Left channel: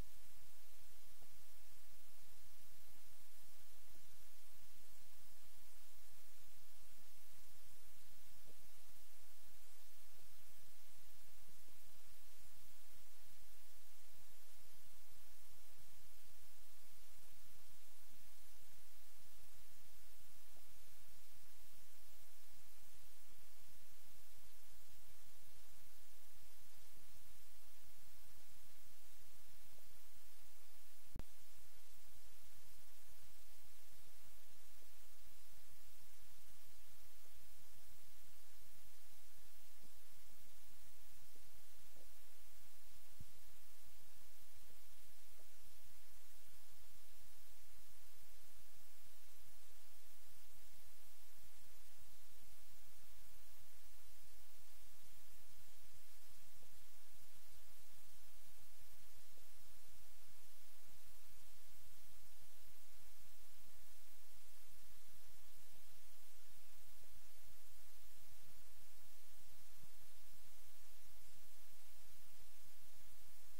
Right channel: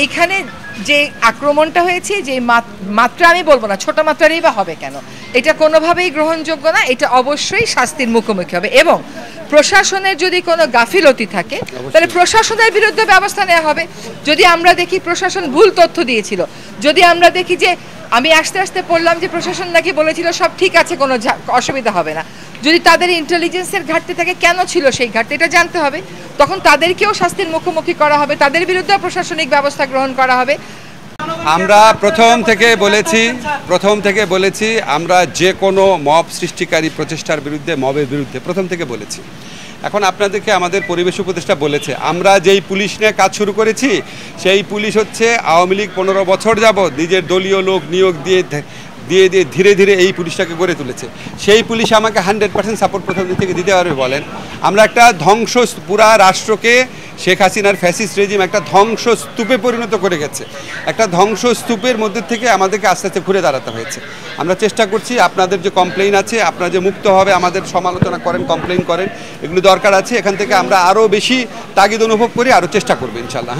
এইখানে যে আক্রমণটা হয়েছে, যে মাত্রা আমি বলবো না ছোট মাত্রারই বা হবে কেন, এটা কোনোভাবেই গ্রহণযোগ্য না। এটা অবশ্যই শাস্তির মুখোমুখি হবে এবং প্রশাসনের যদি কোনো গাফিলতি থাকে তাহলে প্রশাসনের বিরুদ্ধে ব্যবস্থা নেওয়া হবে। যদি আমরা দেখি প্রশাসন ভুল তথ্য দিয়েছিল, যদি আমরা দেখি যে আমি আস্তে আস্তে পড়লাম যে প্রশাসন নাকি বলেছিল সব ঠিক আছে, কোনো অসুবিধা হবে না, যদি তাদের ইন্টেলিজেন্সের ঘাটতি থাকে কেন ছিল সেই ঘাটতি এটা জানতে হবে। তখন তাদেরকেও শাস্তির মুখোমুখি করা হবে, তাদের বিরুদ্ধে প্রশাসনিক ব্যবস্থা গ্রহণ করা হবে। আমরা প্রথম থেকে বলেছি আমরা যে কোনো মব সৃষ্টিকারী প্রচেষ্টার বিরুদ্ধে, মবের বিরুদ্ধে প্রথম থেকে বলেছি। এখন আপনাদেরকে আমাদের পরিবেশ উপদেষ্টা বলেছে আমরা যেই পুলিশ নিয়ে কাজ শুরু করেছি সেই পুলিশ হচ্ছে আওয়ামী লীগ 15 বছর যাবৎ নিজের দলীয় লোক নিয়োগ দিয়ে ধীরে ধীরে এই পুলিশটাকে গড়ে তুলেছে। সেই পুলিশ আমাকে 100% সাপোর্ট প্রথম দিক থেকে দিতে পারবে বলেন? আমরা একটা পুরা রাষ্ট্রকে শেখ হাসিনার ফ্যাসিস্ট রেজিম একটা ধ্বংসস্তূপে পরিণত করে গেছে। একটা ধ্বংসস্তূপের মধ্যে থেকে আমাদেরকে আস্তে আস্তে ঘুরে দাঁড়াতে হয়েছে। আমরা চেষ্টা করছি, আপনাদের যে কমপ্লেইন আছে আপনারা যে মুক্তভাবে আমাদের সমালোচনা করেন, কমপ্লেইন করেন, এগুলো দরকার আছে। এখান থেকে আমরা আরও বেশি তাগিদ অনুভব করি, আরও চেষ্টা করবো ইনশাল্লাহ।